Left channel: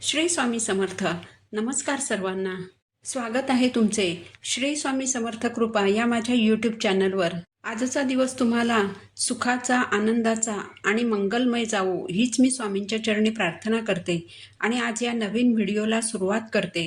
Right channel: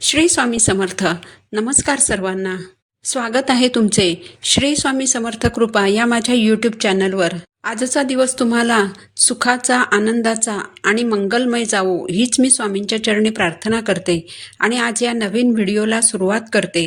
श्री स्वामी समर्थ. नमस्कार सर्वांना. स्वागत आहे तुमचे श्री स्वामी समर्थ कृपा या माझ्या यूट्यूब चॅनलवर. आजचा दिवस तुम्हाला सुखाचा, आनंदाचा आणि मंगलमय जावो हीच मी स्वामींच्या चरणी प्रार्थना करते आणि आज या नवीन व्हिडिओला सुरुवात करते.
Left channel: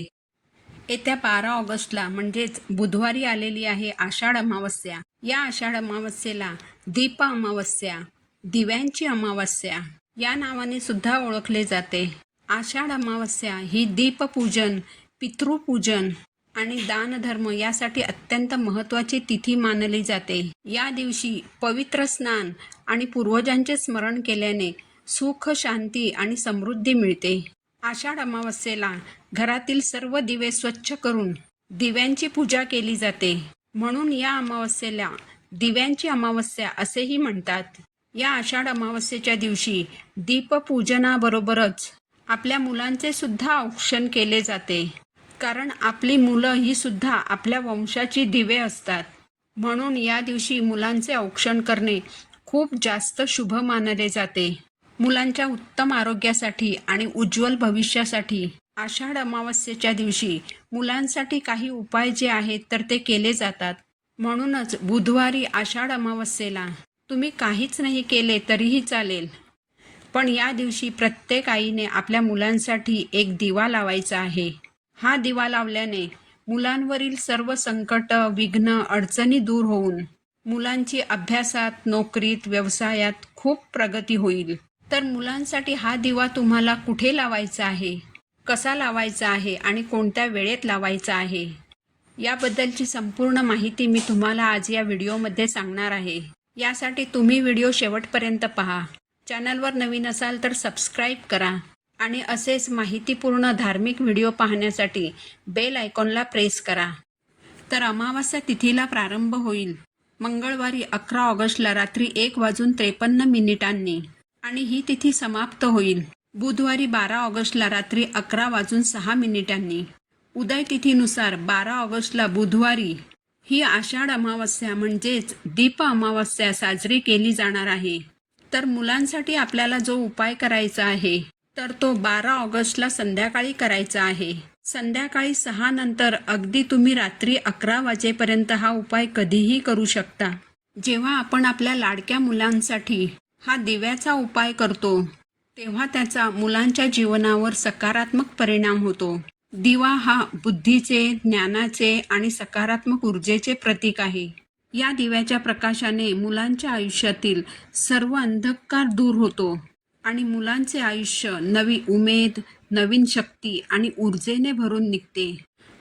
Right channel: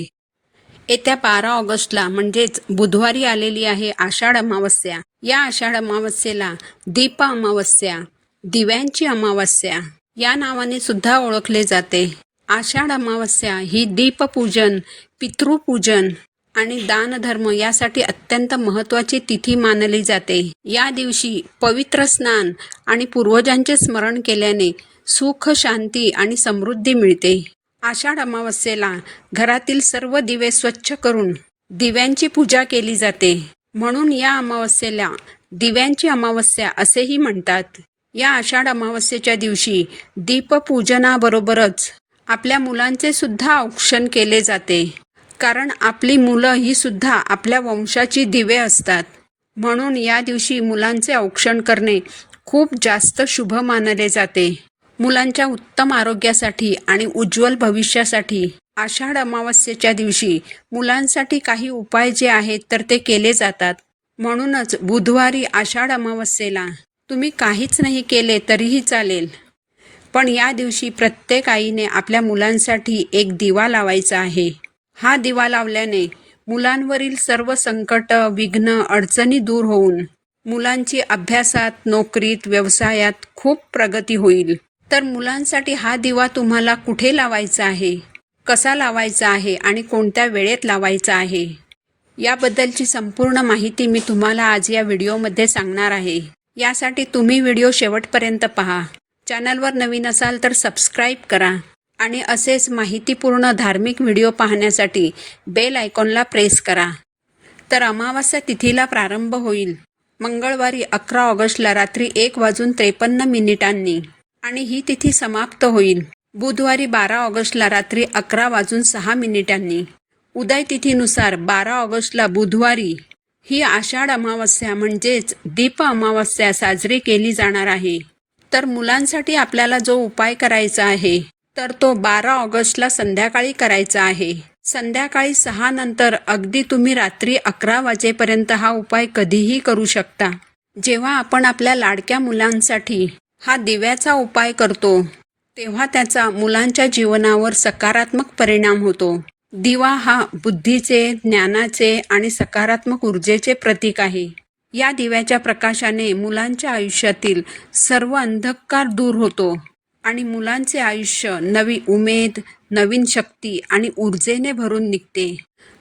येत्या 12 ऑगस्टला म्हणजेच बुधवारी आलेली आहे आषाढ अमावस्या. या आषाढ अमावस्येला दीप अमावस्या, दिव्यांची अमावस्या या नावाने सुद्धा ओळखले जाते. आषाढ अमावस्या ही दीपपूजन, पितृपूजन आणि दानधर्म यासाठी अत्यंत महत्त्वाची तिथी मानली जाते. या दिवशी पवित्र स्नान आणि पूर्वजांचे स्मरण केल्याने सुख, शांती आणि समृद्धी मिळते. आषाढ अमावस्येला घरातील सर्व दिवे स्वच्छ करून दिव्यांची पूजा केली जाते. म्हणून या अमावस्येला दिव्यांची अमावस्या असेही म्हणतात. या आषाढ अमावस्येच्या दिवशी दीपपूजनाबरोबरच आपल्या मुलांचे सुद्धा औक्षण केले जाते. कारण आपली मुलं ही सुद्धा आपल्या वंशाची दिवे असतात. म्हणून या दिवशी मुलांचे औक्षण करणे खूप जास्त शुभ मानले जाते. मुलांच्या उत्तम आरोग्यासाठी आणि उज्ज्वल भविष्यासाठी आषाढ अमावस्येच्या दिवशी मुलांसाठी काही उपाय जे आहेत तर ते केले जातात. म्हणूनच बुधवारी आषाढ अमावस्येला तुम्ही काहीच नाही केले तरीही चालेल, पण या दिवशी प्रत्येक आईने आपल्या मुलांसाठी एक दिवा लावायचा आहे. हा दिवा लावल्याने मुलांवरील सर्व संकट, विघ्न, अडचणी दूर होऊन मुलांची अभ्यासात, नोकरीत, व्यवसायात खूप प्रगती होईल. तर मुलांसाठी हा दिवा तुम्हाला कुठे लावायचा आहे, कसा लावायचा आहे आणि कोणत्या वेळेत लावायचा आहे याबद्दलची संपूर्ण माहिती मी तुम्हाला आज या व्हिडिओमध्ये सांगणार आहे. यासाठी तुम्ही व्हिडिओ शेवटपर्यंत पहा. चॅनलवर नवीन असाल तर सबस्क्राईब करा आणि असेच माहितीपूर्ण धार्मिक व्हिडिओ पाहण्यासाठी बेल आयकॉनला प्रेस करा. तर अमावास्या तिथीला प्रारंभ होईल मंगळवारी 11 ऑगस्टला रात्री 1:53 आणि ही तिथी समाप्त होईल बुधवारी 12 ऑगस्टला रात्री 11:06. उदय तिथीनुसार 12 ऑगस्टला बुधवारी ही आषाढ अमावस्या म्हणजेच दीप अमावस्या साजरी केली जाणार आहे. तर मुलांसाठी आपल्याला जो उपाय करायचा आहे तर तो 12 ऑगस्टला संध्याकाळी करायचा आहे. संध्याकाळी 6 नंतर अगदी तुम्ही रात्री 11 वाजेपर्यंत हा उपाय कधीही करू शकता. जेव्हा आपण आपल्या लाडक्या मुलांसाठी हा दिव्याचा उपाय करतो तेव्हा त्याचा मुलांच्या जीवनावर सकारात्मक परिणाम होतो. दिवा हा बुद्धीचे, ज्ञानाचे आणि सकारात्मक ऊर्जेचे प्रतीक आहे. या दिव्याच्या प्रकाशाने मुलांच्या आयुष्यातील सर्व अंधकार दूर होतो आणि मुलांचे आयुष्य नवी उमेद, नवीन शक्ती आणि ऊर्जेने भरून निघते.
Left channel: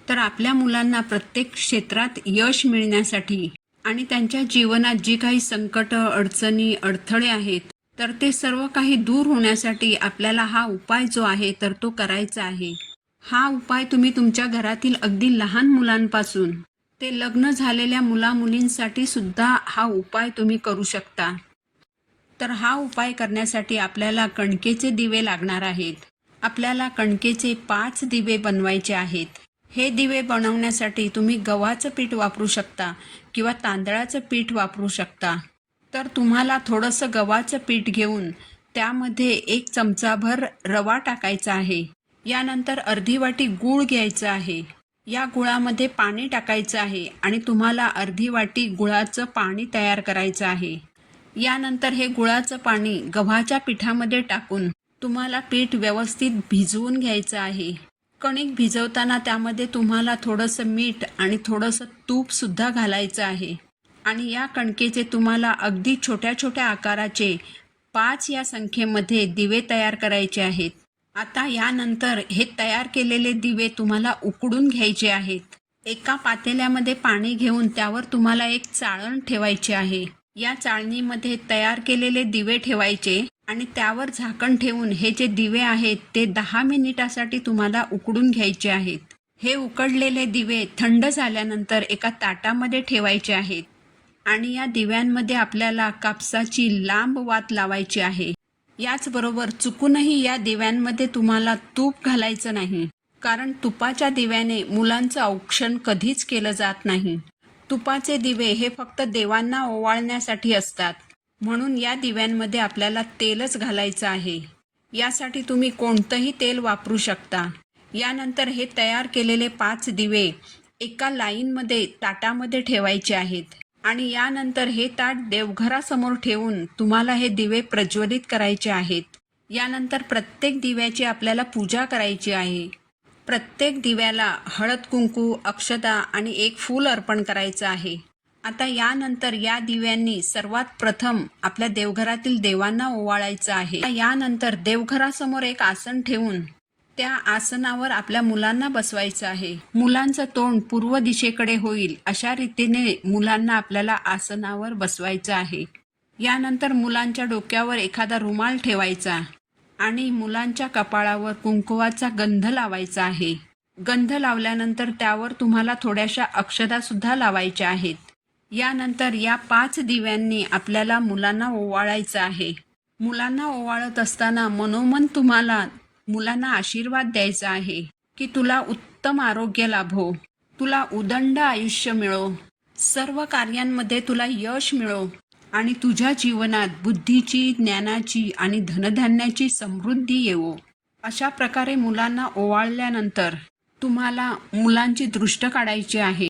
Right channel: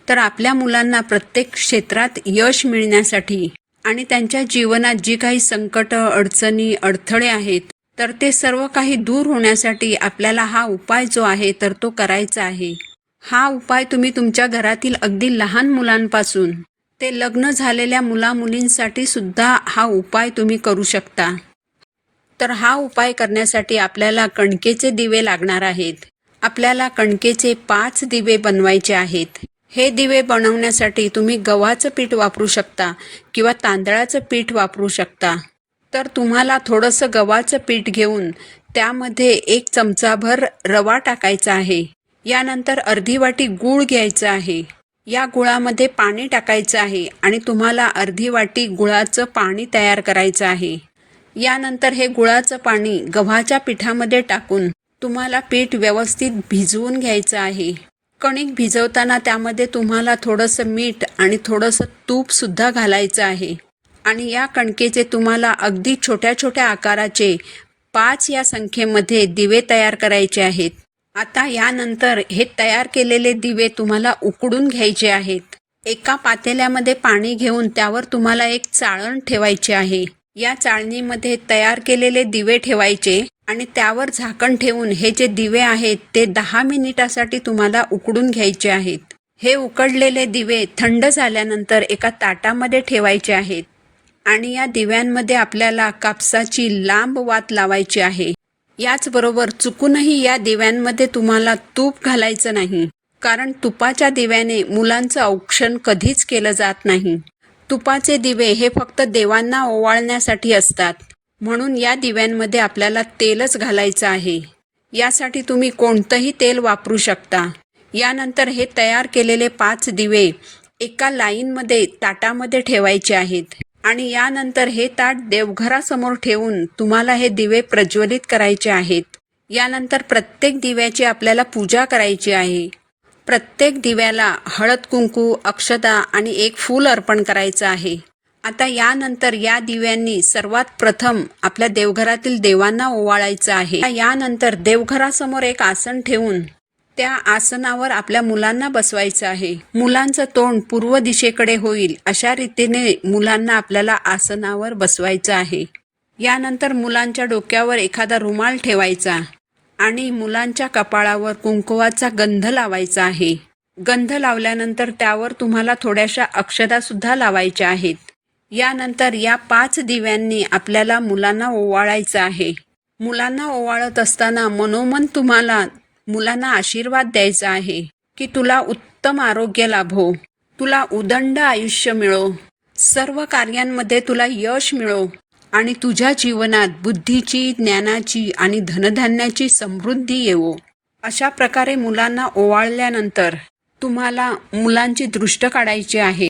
तर आपल्या मुलांना प्रत्येक क्षेत्रात यश मिळण्यासाठी आणि त्यांच्या जीवनात जी काही संकट, अडचणी, अडथळे आहेत तर ते सर्व काही दूर होण्यासाठी आपल्याला हा उपाय जो आहे तर तो करायचा आहे. हा उपाय तुम्ही तुमच्या घरातील अगदी लहान मुलांपासून ते लग्न झालेल्या मुलामुलींसाठी सुद्धा हा उपाय तुम्ही करू शकता. तर हा उपाय करण्यासाठी आपल्याला कणकेचे दिवे लागणार आहेत. आपल्याला कणकेचे 5 दिवे बनवायचे आहेत. हे दिवे बनवण्यासाठी तुम्ही गव्हाचं पीठ वापरू शकता किंवा तांदळाचं पीठ वापरू शकता. तर तुम्हाला थोडंसं गव्हाचं पीठ घेऊन त्यामध्ये 1 चमचाभर रवा टाकायचा आहे. यानंतर अर्धी वाटी गूळ घ्यायचा आहे. या गुळामध्ये पाणी टाकायचं आहे आणि तुम्हाला अर्धी वाटी गुळाचं पाणी तयार करायचं आहे. यानंतर हे गुळाचं पाणी गव्हाच्या पिठामध्ये टाकून तुम्हाला पीठ व्यवस्थित भिजवून घ्यायचं आहे. कणिक भिजवताना त्यामध्ये तुम्हाला थोडंसं मीठ आणि थोडंसं तूपसुद्धा घालायचं आहे. आणि या कणकेचे तुम्हाला अगदी छोट्या छोट्या आकाराचे 5 या संख्येमध्ये दिवे तयार करायचे आहेत. आता यानंतर हे तयार केलेले दिवे तुम्हाला उकडून घ्यायचे आहेत. एका पातेल्यामध्ये पाणी घेऊन त्यावर तुम्हाला एक चाळण ठेवायची आहे. या चाळणीमध्ये तयार केलेले दिवे ठेवायचे आणि त्यावर झाकण ठेवून हे जे दिवे आहेत ते 10 मिनिटासाठी तुम्हाला उकडून घ्यायचे आहेत. हे उकडलेले दिवे थंड झाल्यानंतर एका ताटामध्ये ठेवायचे आहेत आणि या दिव्यांमध्ये आपल्याला कापसाची लांब वात लावायची आहे. याचबरोबर चुकूनही या दिव्यांमध्ये तुम्हाला तूप घालायचं नाही, कारण तुपाच्या दिव्याने मुलांचं औक्षण कधीच केलं जात नाही. तुपाचे दिवे हे फक्त देवांना ओवाळण्यासाठी असतात. म्हणून या दिव्यांमध्ये आपल्याला तेलच घालायचं आहे. यासाठी तुम्ही कोणतंही तेल वापरू शकता. यानंतर हे तयार केलेले 5 दिवे एका लाईनमध्ये ताटामध्ये ठेवायचे आहेत आणि यानंतर हे ताट देवघरासमोर ठेवून तुम्हाला हे दिवे प्रज्वलित करायचे आहेत. यानंतर प्रत्येक दिव्याची आपल्याला पूजा करायची आहे. प्रत्येक दिव्याला हळद कुंकू, अक्षता आणि एक फूल अर्पण करायचं आहे. आता यानंतर या दिव्यांनी सर्वात प्रथम आपल्या देवघरातील देवांना ओवाळायचं आहे. यानंतर देवघरासमोर एक आसन ठेवून त्या आसनावर आपल्या मुलांना बसवायचं आहे. मुलांचं तोंड पूर्व दिशेकडे होईल अशा रीतीने मुलांना आपल्याला आसनावर बसवायचं आहे. यानंतर मुलांच्या डोक्यावर एखादा रुमाल ठेवायचा आणि मुलांच्या कपाळावर कुंकवाचा गंध लावायचा आहे. गंध लावल्यानंतर त्यावर तुम्हाला थोड्याशा अक्षता लावायच्या आहेत. यानंतर या 5 दिव्यांनी आपल्याला मुलांना ओवाळायचं आहे. मुलांना ओवाळत असताना मनोमन तुम्हाला मुलांना आशीर्वाद द्यायचा आहे की तुला उत्तम आरोग्य लाभो, तुला उदंड आयुष्य मिळो, सर्व कार्यांमध्ये तुला यश मिळो आणि तुझ्या जीवनात बुद्धीची, ज्ञानाची आणि धनधान्याची समृद्धी येवो. अशा प्रकारे मुलांना ओवाळल्यानंतर तुम्हाला मुलांची दृष्ट काढायची आहे.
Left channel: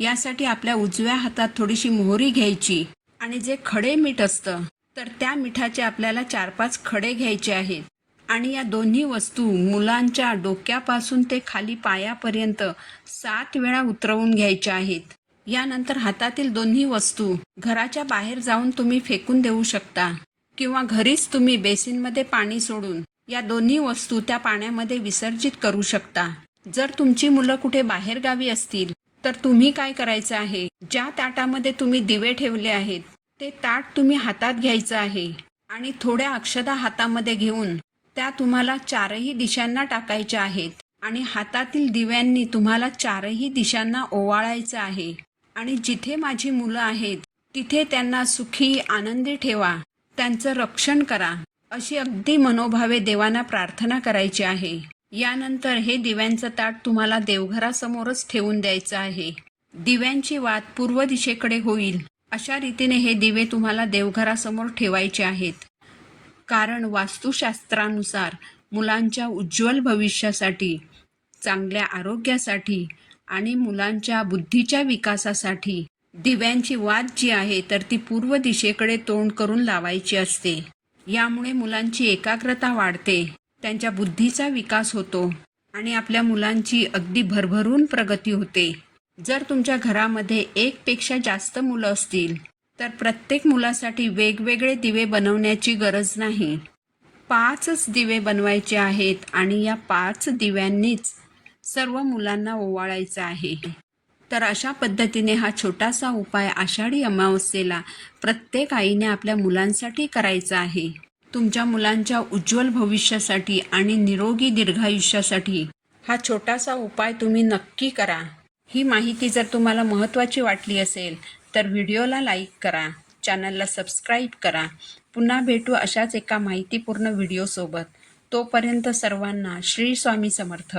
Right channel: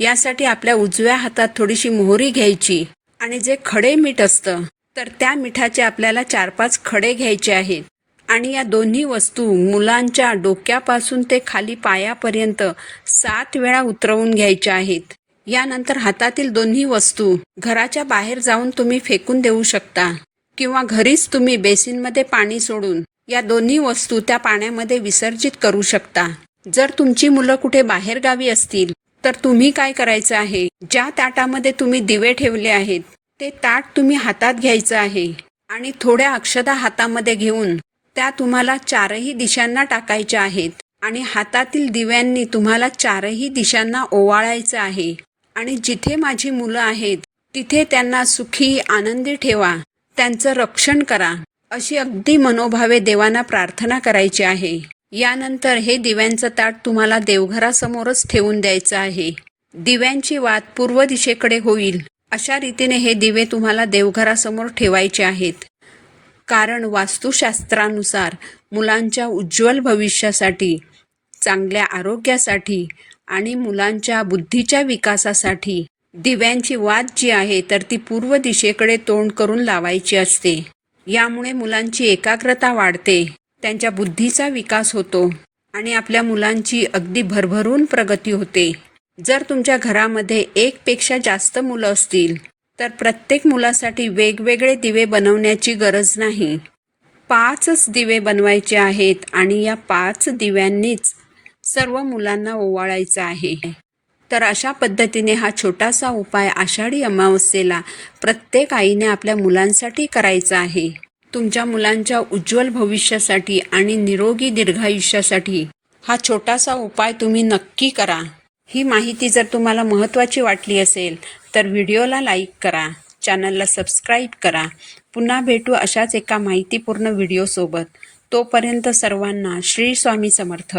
यासाठी आपल्या उजव्या हातात थोडीशी मोहरी घ्यायची आणि जे खडे मीठ असतं तर त्या मिठाचे आपल्याला 4-5 खडे घ्यायचे आहेत आणि या दोन्ही वस्तू मुलांच्या डोक्यापासून ते खाली पायापर्यंत 7 वेळा उतरवून घ्यायच्या आहेत. यानंतर हातातील दोन्ही वस्तू घराच्या बाहेर जाऊन तुम्ही फेकून देऊ शकता किंवा घरीच तुम्ही बेसिनमध्ये पाणी सोडून या दोन्ही वस्तू त्या पाण्यामध्ये विसर्जित करू शकता. जर तुमची मुलं कुठे बाहेरगावी असतील तर तुम्ही काय करायचं आहे, ज्या ताटामध्ये तुम्ही दिवे ठेवले आहेत ते ताट तुम्ही हातात घ्यायचं आहे आणि थोड्या अक्षता हातामध्ये घेऊन त्या तुम्हाला 4ही दिशांना टाकायच्या आहेत आणि हातातील दिव्यांनी तुम्हाला 4ही दिशांना ओवाळायचं आहे आणि जिथे माझी मुलं आहेत तिथे त्यांना सुखी, आनंदी ठेवा, त्यांचं रक्षण करा, अशी अगदी मनोभावे देवांना प्रार्थना करायची आहे. यानंतर हे दिव्यांचं ताट तुम्हाला देवघरासमोरच ठेवून द्यायचं आहे. दिव्यांची वात पूर्व दिशेकडे होईल अशा रीतीने हे दिवे तुम्हाला देवघरासमोर ठेवायचे आहेत. कारण वास्तुशास्त्रानुसार मुलांच्या उज्ज्वल भविष्यासाठी, चांगल्या आरोग्यासाठी आणि मुलांच्या बुद्धीच्या विकासासाठी दिव्यांची वात जी आहे तर ती पूर्व दिशेकडे तोंड करून लावायची असते. यामुळे मुलांची एकाग्रता वाढते, त्यांच्या बुद्धीचा विकास होतो आणि आपल्या मुलांची अगदी भरभरून प्रगती होते. जर तुमच्या घरामध्ये 1पेक्षा जास्त मुलं असतील तर प्रत्येक मुलासाठी वेगवेगळे दिवे बनवण्याची गरज नाही. 5च दिवे बनवायचे आहेत आणि या 5 दिव्यांनीच सर्व मुलांना ओवाळायचं आहे. तर अशा पद्धतीने हा छोटासा उपाय आषाढी अमावस्येला प्रत्येक आईने आपल्या मुलांसाठी करायचा आहे. तुमच्या मुलांच्या उज्ज्वल भविष्यासाठी आणि निरोगी दीर्घायुष्यासाठी हा छोटासा उपाय तुम्ही नक्की करा. ही माहिती जर तुम्हाला महत्त्वाची वाटली असेल तर व्हिडिओला लाईक करा, चॅनलला सबस्क्राईब करा. पुन्हा भेटू अशाच एका माहितीपूर्ण व्हिडिओसोबत. तोपर्यंत सर्वांना श्री स्वामी समर्थ.